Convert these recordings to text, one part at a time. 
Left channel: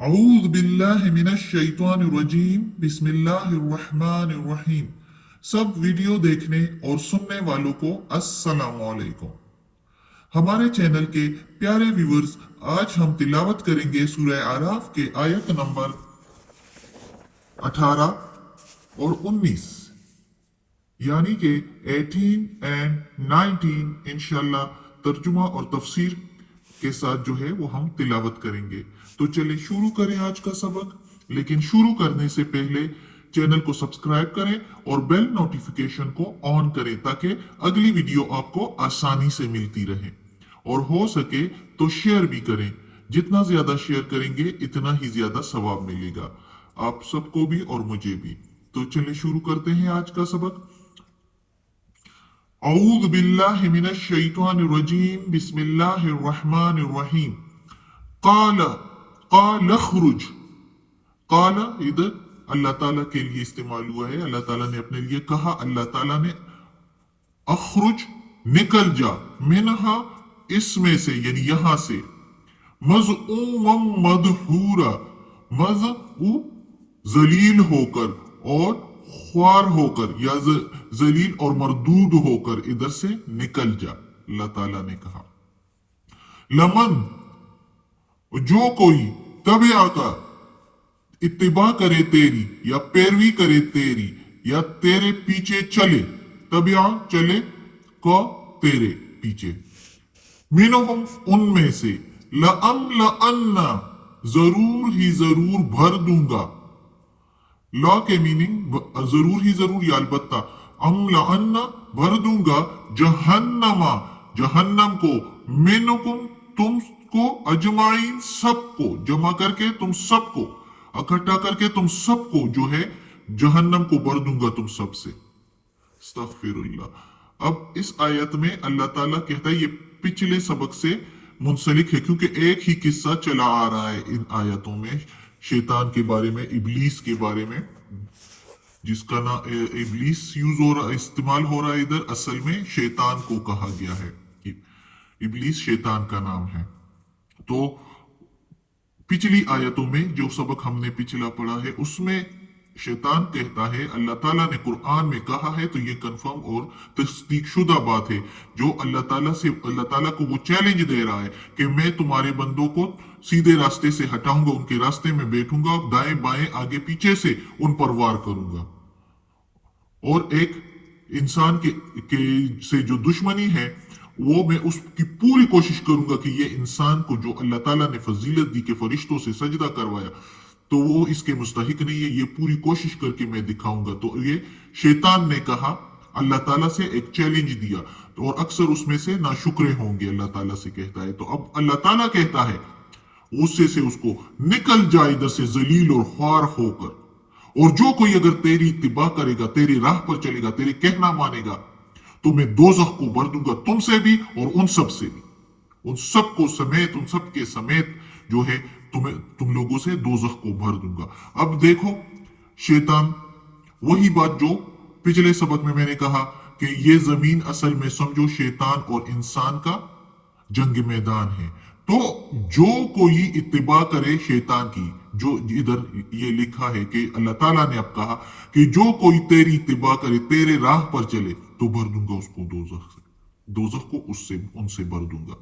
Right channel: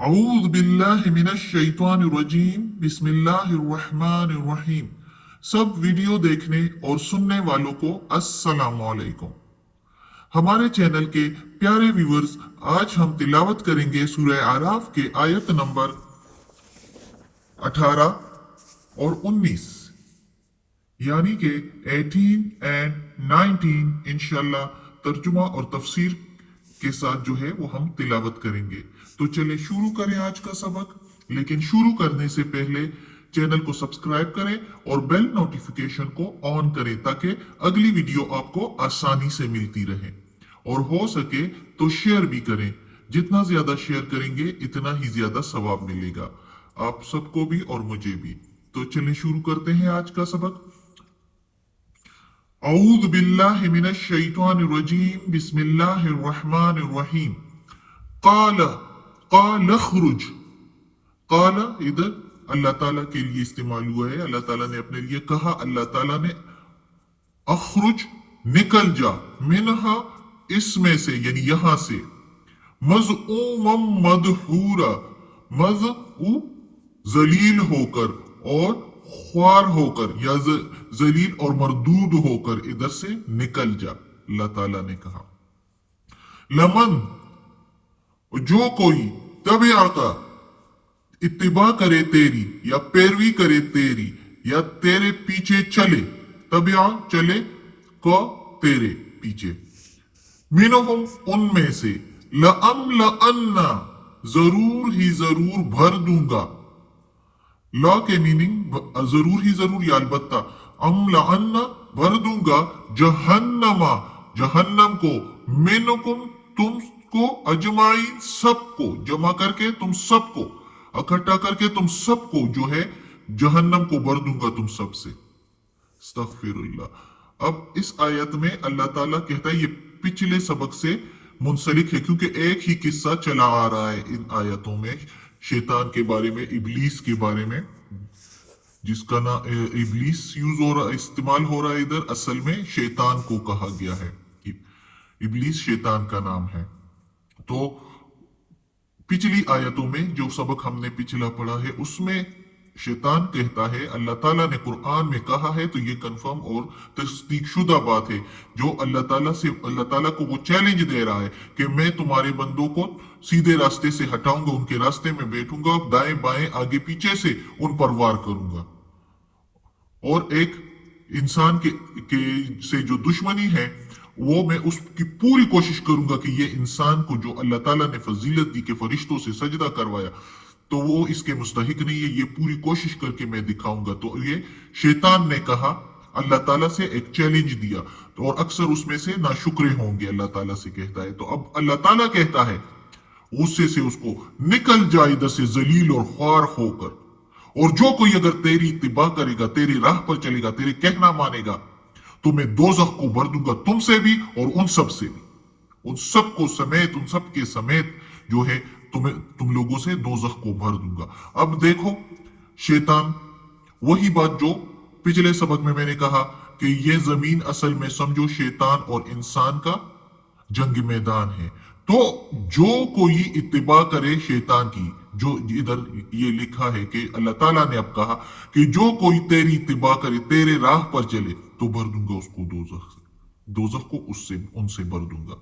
अऊज़ बिल्लाहि मिनश शैतानिर रजीम बिस्मिल्लाहिर रहमानिर रहीम। सब वीडियो देखने और सुनने वालों को अस्सलाम वालेकुम। हमारे चैनल के प्यारे व्यूअर्स, आज हम तिलावत करेंगे सूरह आराफ के आयत नंबर 18 और 19, यानी कि 18 एंड 19 इंशाल्लाह तर्जुमा और तफसीर के साथ जो है वो हम तिलावत करेंगे। तो चलिए शुरू करें आज का सबक। लेकिन शुरू करने से पहले चैनल को सब्सक्राइब करें और बेल नोटिफिकेशन को ऑन करें ताकि अगली वीडियो आपको आसानी से मिलती रहे, और हो सके तो शेयर भी करें। जितना ज्यादा शेयर करेंगे इतना ही ज्यादा सवाब मिलेगा आप सबको भी और मुझे भी। तो चलिए शुरू करते हैं आज का सबक। औज़ बिल्लाहि मिनश शैतानिर रजीम बिस्मिल्लाहिर रहमानिर रहीम। क़ाल क़ाल अख़रुज। क़ाल इधर अल्लाह ताला के लिए इस्तेमाल हुआ है। अल्लाह ताला ने अपने लिए कहा, अल्लाह ताला ने अख़रुज निकल जा, मिनहा इसमें से यानी यहां से, मज़ऊमम मदहूरा, मज़ऊ जलील होकर और ख्वार होकर या जलील और मरदूद होकर इधर से निकल जा। अल्लाह ताला ने कहा लमन, जो कोई तबे का इत्तिबा करे तेरी या पैरवी करे तेरी या तेरे पीछे चले, तबे चले को तेरे पीछे, मिनहुम उनमें से, लअन्ना जरूर ही जरूर भर दूंगा। लॉ के मीनिंग जरूर ही जरूर या अलबत्ता, लअन्ना भर दूंगा, जहन्नमा जहन्नम को, मिनकुम तुमको, अजमाइन सबको, जमा करके तुम सबको, इकट्ठा करके तुम सबको जो है जहन्नम को भर दूंगा तुम सबसे। अस्तगफिरुल्लाह। अब इस आयत में अल्लाह ताला कहता है, ये पिछले सबक से मुंसलिक है क्योंकि एक ही किस्सा चला आ रहा है इन आयतों में, शैतान के बारे में, इबलीस के बारे में, जिसका ना इबलीस यूज हो रहा, इस्तेमाल हो रहा है इधर, असल में शैतान को कहा गया है। इबलीस शैतान का नाम है। तो पिछली आयतों में जो सबक हमने पिछला पढ़ा है उसमें शैतान कहता है, अल्लाह ताला ने कुरान में कहा है, तो ये कंफर्म और तस्दीक शुदा बात है, जो अल्लाह ताला से, अल्लाह ताला को वो चैलेंज दे रहा है कि मैं तुम्हारे बंदों को सीधे रास्ते से हटाऊंगा, उनके रास्ते में बैठूंगा, दाएं बाएं आगे पीछे से उन पर वार करूंगा, और एक इंसान के से जो दुश्मनी है वो मैं उसकी पूरी कोशिश करूंगा कि ये इंसान को जो अल्लाह ताला ने फजीलत दी के फरिश्तों से सजदा करवाया, तो वो इसके मुस्तहिक नहीं है, ये पूरी कोशिश करके मैं दिखाऊंगा। तो ये शैतान ने कहा, अल्लाह ताला से एक चैलेंज दिया, तो और अक्सर उसमें से नाशुक्रे होंगे, अल्लाह ताला से कहता है। तो अब अल्लाह ताला कहता है गुस्से से उसको, निकल जाए इधर से जलील और ख्वार होकर, और जो कोई अगर तेरी इत्तिबा करेगा, तेरी राह पर चलेगा, तेरे कहना मानेगा, तो मैं दोज़ख को भर दूंगा तुमसे भी और उन सब से भी, उन सबको समेत, उन सब के समेत जो है तुम लोगों से दोज़ख को भर दूंगा। अब देखो शैतान, वही बात जो पिछले सबक में मैंने कहा कि ये जमीन असल में समझो शैतान और इंसान का जंग मैदान है। तो जो कोई इत्तिबा करे शैतान की, जो इधर ये लिखा है कि अल्लाह ताला ने अब कहा कि जो कोई तेरी इत्तिबा करे, तेरे राह पर चले, तो भर दूंगा उसको दोज़ख से, दोज़ख को उससे उनसे भर दूंगा।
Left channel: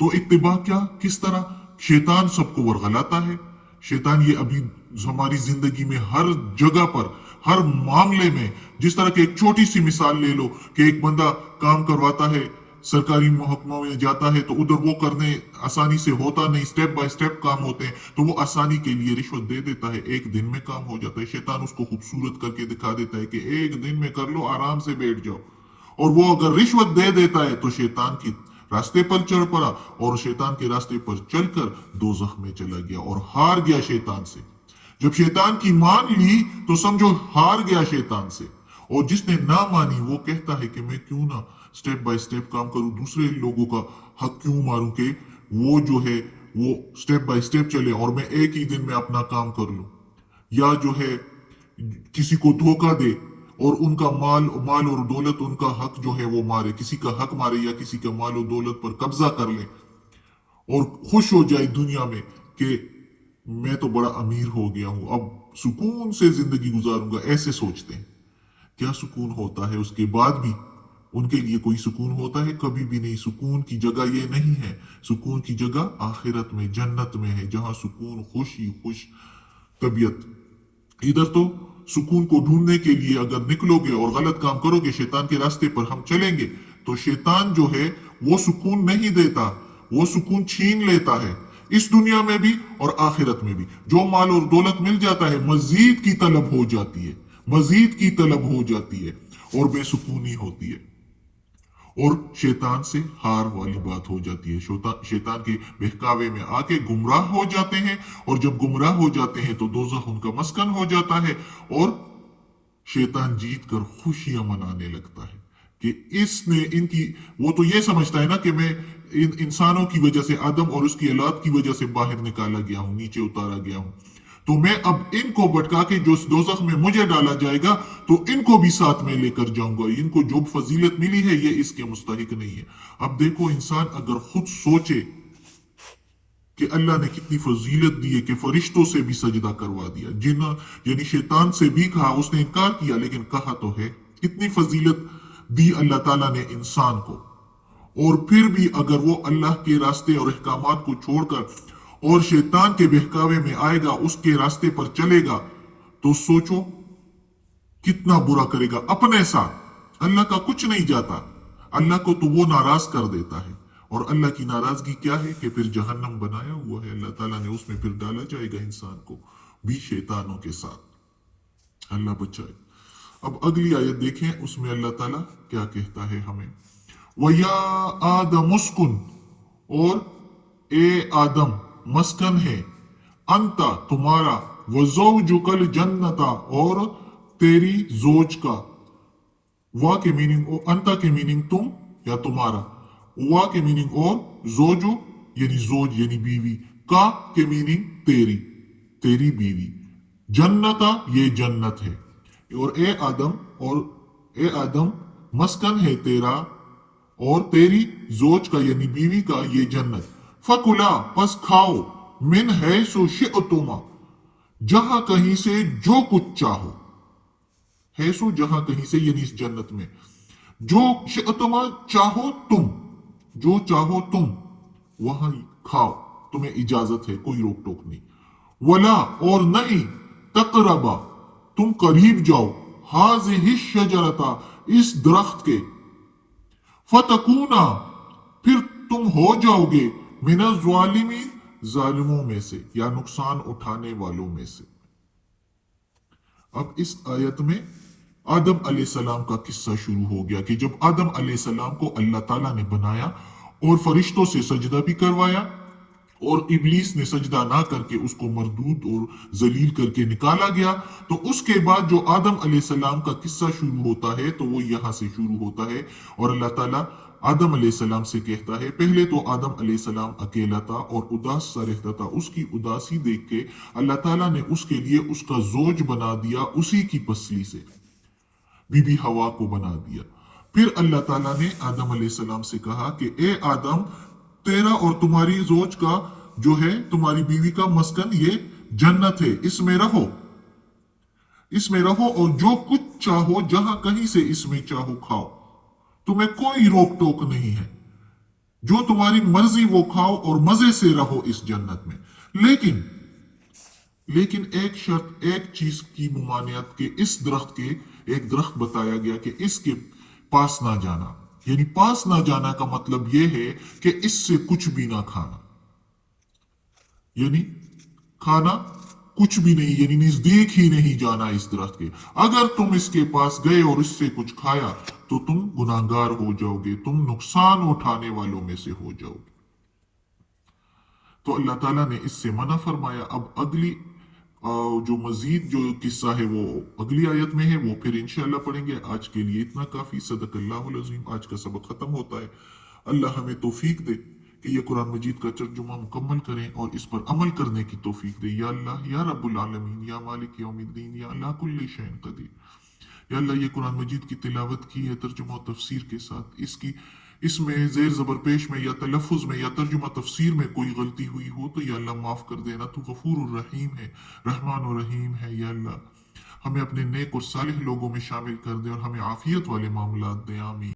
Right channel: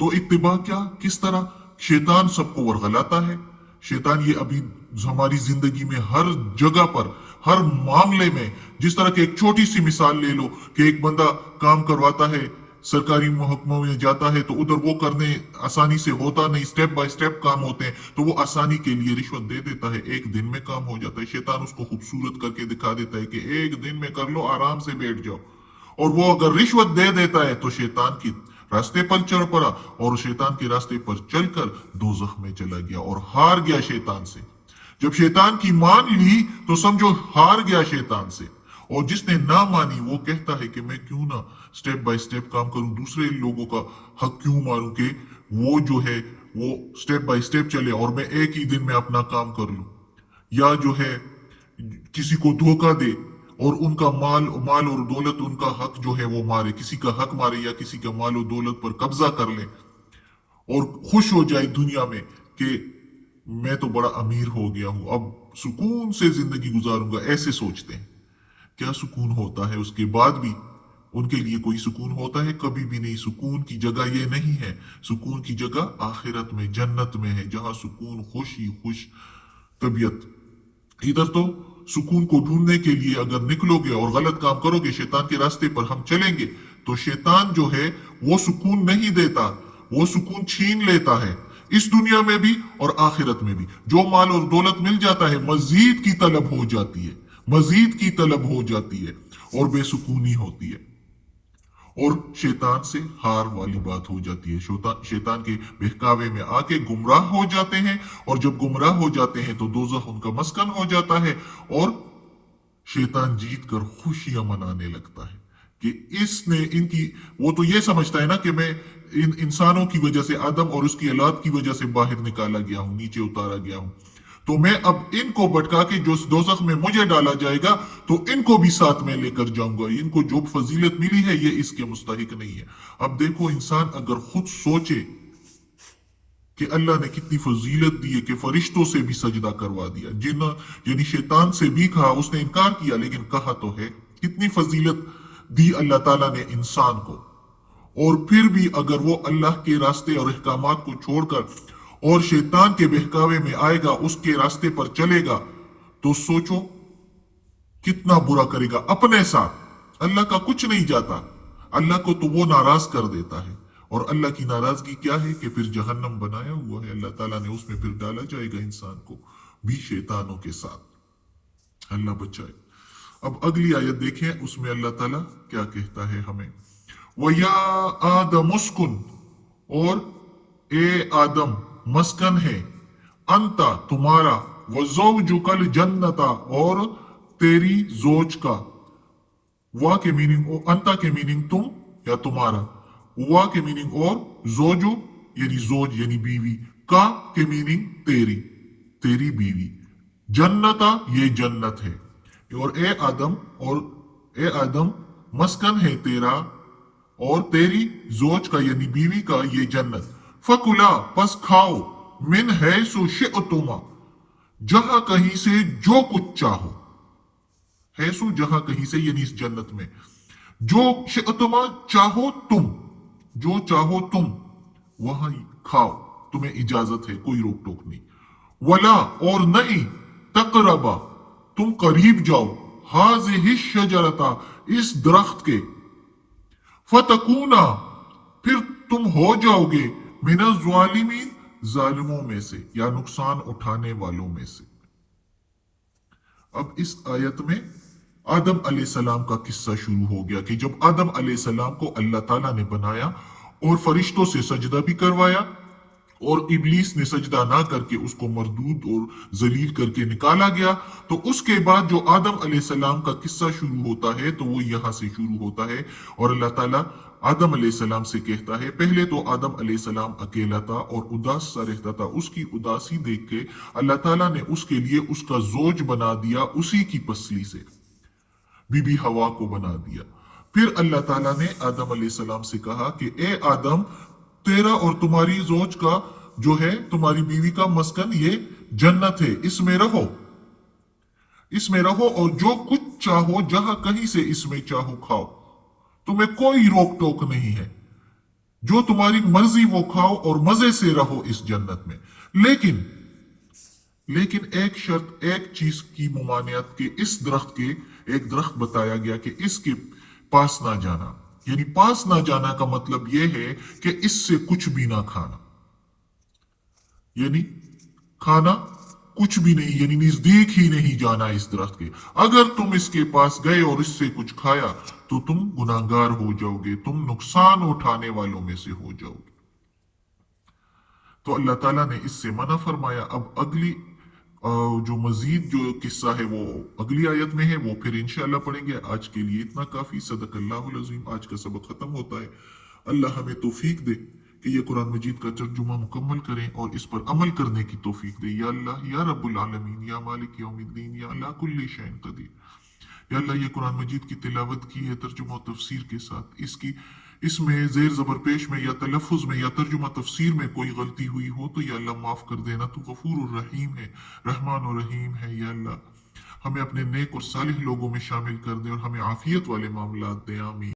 तो इत्तिबा क्या, किस तरह शैतान सबको वर्गलाता है। शैतान ये अभी हमारी जिंदगी में हर जगह पर, हर मामले में, जिस तरह की एक छोटी सी मिसाल ले लो कि एक बंदा काम करवाता है, सरकारी महकमों में जाता है, तो उधर वो करने आसानी से होता नहीं, स्टेप बाय स्टेप काम होते हैं, तो वो आसानी के लिए रिश्वत दे देता है, एक दिन में काम हो जाता है। शैतान उसको खूबसूरत करके दिखा देता है कि एक दिन में कर लो, आराम से बैठ जाओ, और वो अगर रिश्वत दे देता है तो शैतान की रास्ते पर चढ़ पड़ा, और शैतान के रास्ते पर चलकर दोज़ख में चला गया और हार गया शैतान से। जब शैतान की मान ली तो समझो हार गया शैतान से, और जिसने ना मानी वो कहता है कि मैं क्यों ना स्टेप बाय स्टेप काम करूं, दूसरे लोगों का हक क्यों मारूं कि वो जो है वो स्टेप बाय स्टेप चले और मैं एक ही दिन में अपना काम कर लूं, या जो है किसी को धोखा दे और उनका माल और दौलत, उनका हक जो है वो मारे, किसी का हक मारे या किसी का माल और दौलत पर कब्जा कर ले और खुश हो जाए दुनिया में कि मैं तो बड़ा अमीर हो गया हूं, अब सुकून से जिंदगी गुजारूंगा, ऐसे सोचते हैं। क्या सुकून होता है उसके बाद भी? उनके लिए कोई सुकून होता है? कभी भी नहीं। सुकून की जगह ये नहीं है। सुकून की जगह आखिरत में, जन्नत में है, जहां सुकून, खुश ही खुश तबीयत। इधर तो सुकून को ढूंढने के लिए अगर निकलोगे और गलत काम करोगे, शैतान के रास्ते पर हम चलेंगे, तो शैतान जो है वो सुकून नहीं देता, वो सुकून छीन लेता है, इस दुनिया में भी और आखिरत में भी। जो माल और दौलत मिल जाता है, मजीद की तलब हो जाती है, मजीद की तलब हो जाती है और बेसुकूनी होती है और शैतान से हार वाली बात हो जाती है। शैतान के बहकावे में आके गुमराह हो जाते हैं और जब गुमराह हो जाते हैं तो दोज़ख उनका मस्कन हो जाता है और शैतान जीत कर खुशियां मनाने लगता है कि इसने इनकी, वो तो ये समझता है ना कि मैं इन इंसानों की वजह से, आदम और उसकी औलाद की वजह से बाहर निकाला गया हूं, नीचे उतारा गया हूं, तो मैं अब इनको भटका के जो दोज़ख में मुझे डाला जाएगा तो इनको भी साथ में लेकर जाऊंगा। इनको जो फजीलत मिली है ये इसके मुस्तहिक नहीं है। अब देखो, इंसान अगर खुद सोचे कि अल्लाह ने कितनी फजीलत दी है कि फरिश्तों से भी सजदा करवा दिया, जिन यानी शैतान से भी कहा, उसने इनकार किया लेकिन कहा तो है। कितनी फजीलत दी अल्लाह ताला ने इंसान को, और फिर भी अगर वो अल्लाह के रास्ते और अहकामात को छोड़कर और शैतान के बहकावे में आएगा, उसके रास्ते पर चलेगा, तो सोचो कितना बुरा करेगा अपने साथ। अल्लाह का कुछ नहीं जाता, अल्लाह को तो वो नाराज कर देता है। और अल्लाह की नाराजगी क्या है कि फिर जहन्नम बनाया हुआ है अल्लाह ताला ने, उसमें फिर डाला जाएगा इंसान को भी शैतानों के साथ। अल्लाह बचाए। अब अगली आयत देखें, उसमें अल्लाह ताला क्या कहता है हमें। वया आदम उस्कुन, और ए आदम मस्कन है, अंता तुम्हारा, वज़ौजुकल जन्नता, और तेरी जोज का। वा के मीनिंग, अंता के मीनिंग तुम या तुम्हारा, वा के मीनिंग और, जोजो यानी जोज यानी बीवी, का के मीनिंग तेरी, तेरी बीवी, जन्नता ये जन्नत है, और ए आदम, और ए आदम मस्कन है तेरा और तेरी जोज का यानी बीवी का ये जन्नत। फकुला पस खाओ, मिन है सो शिअतुमा, जहां कहीं से जो कुछ चाहो, है सो जहां कहीं से यानी इस जन्नत में, जो शिअतुमा चाहो तुम, जो चाहो तुम वहां खाओ, तुम्हें इजाजत है, कोई रोक टोक नहीं। वला और नहीं, तकरबा तुम करीब जाओ, हाज़िहि शजरता इस दरख्त के, फतकूना फिर तुम हो जाओगे, मिनल ज़ालिमीन जालिमों में से या नुकसान उठाने वालों में से। अब इस आयत में आदम अलैहिस्सलाम का किस्सा शुरू हो गया कि जब आदम अलैहिस्सलाम को अल्लाह ताला ने बनाया और फरिश्तों से सजदा भी करवाया और इब्लीस ने सजदा ना करके उसको मरदूद और जलील करके निकाला गया, तो उसके बाद जो आदम अलैहिस्सलाम का किस्सा शुरू होता है तो वो यहां से शुरू होता है। और अल्लाह ताला आदम अलैहिस्सलाम से कहता है, पहले तो आदम अलैहिस्सलाम अकेला था और उदास सा रहता था, उसकी उदासी देख के अल्लाह ताला ने उसके लिए उसका जोज बना दिया, उसी की पसली से बीबी हवा को बना दिया। फिर अल्लाह ताला ने आदम अलैहिस्सलाम से कहा कि ए आदम, तेरा और तुम्हारी जोज का जो है, तुम्हारी बीवी का मस्कन ये जन्नत है, इसमें रहो, इसमें रहो और जो कुछ चाहो जहां कहीं से इसमें चाहो खाओ, तुम्हें कोई रोक टोक नहीं है, जो तुम्हारी मर्जी वो खाओ और मजे से रहो इस जन्नत में। लेकिन लेकिन एक शर्त, एक चीज की मुमानियत के, इस दरख्त के, एक दरख्त बताया गया कि इसके पास ना जाना, यानी पास ना जाना का मतलब यह है कि इससे कुछ भी ना खाना, यानी खाना कुछ भी नहीं, यानी नजदीक ही नहीं जाना इस दरख्त के। अगर तुम इसके पास गए और इससे कुछ खाया तो तुम गुनाहगार हो जाओगे, तुम नुकसान उठाने वालों में से हो जाओगे। तो अल्लाह ताला ने इससे मना फरमाया। अब अगली जो मजीद जो किस्सा है वो अगली आयत में है, वो फिर इंशाल्लाह पढ़ेंगे। आज के लिए इतना काफी। सदकल्लाहुल अज़ीम। आज का सबक खत्म होता है। अल्लाह हमें तौफीक दे कि ये कुरान मजीद का तर्जुमा मुकम्मल करें और इस पर अमल करने की तौफीक दे। या अल्लाह या रब्बुल आलमीन या मालिक यौमिद्दीन या अल्लाह कुल्ली शैइन कदीर। या अल्लाह, ये कुरान मजीद की तिलावत की है तर्जुमा और तफसीर के साथ, इसकी اس میں زیر زبر پیش میں یا تلفظ میں یا ترجمہ تفسیر میں کوئی غلطی ہوئی ہو تو یا اللہ معاف کر دینا، تو غفور الرحیم ہے، رحمان الرحیم ہے۔ یا اللہ ہمیں اپنے نیک اور صالح لوگوں میں شامل کر دے اور ہمیں عافیت والے معاملات دے، آمین۔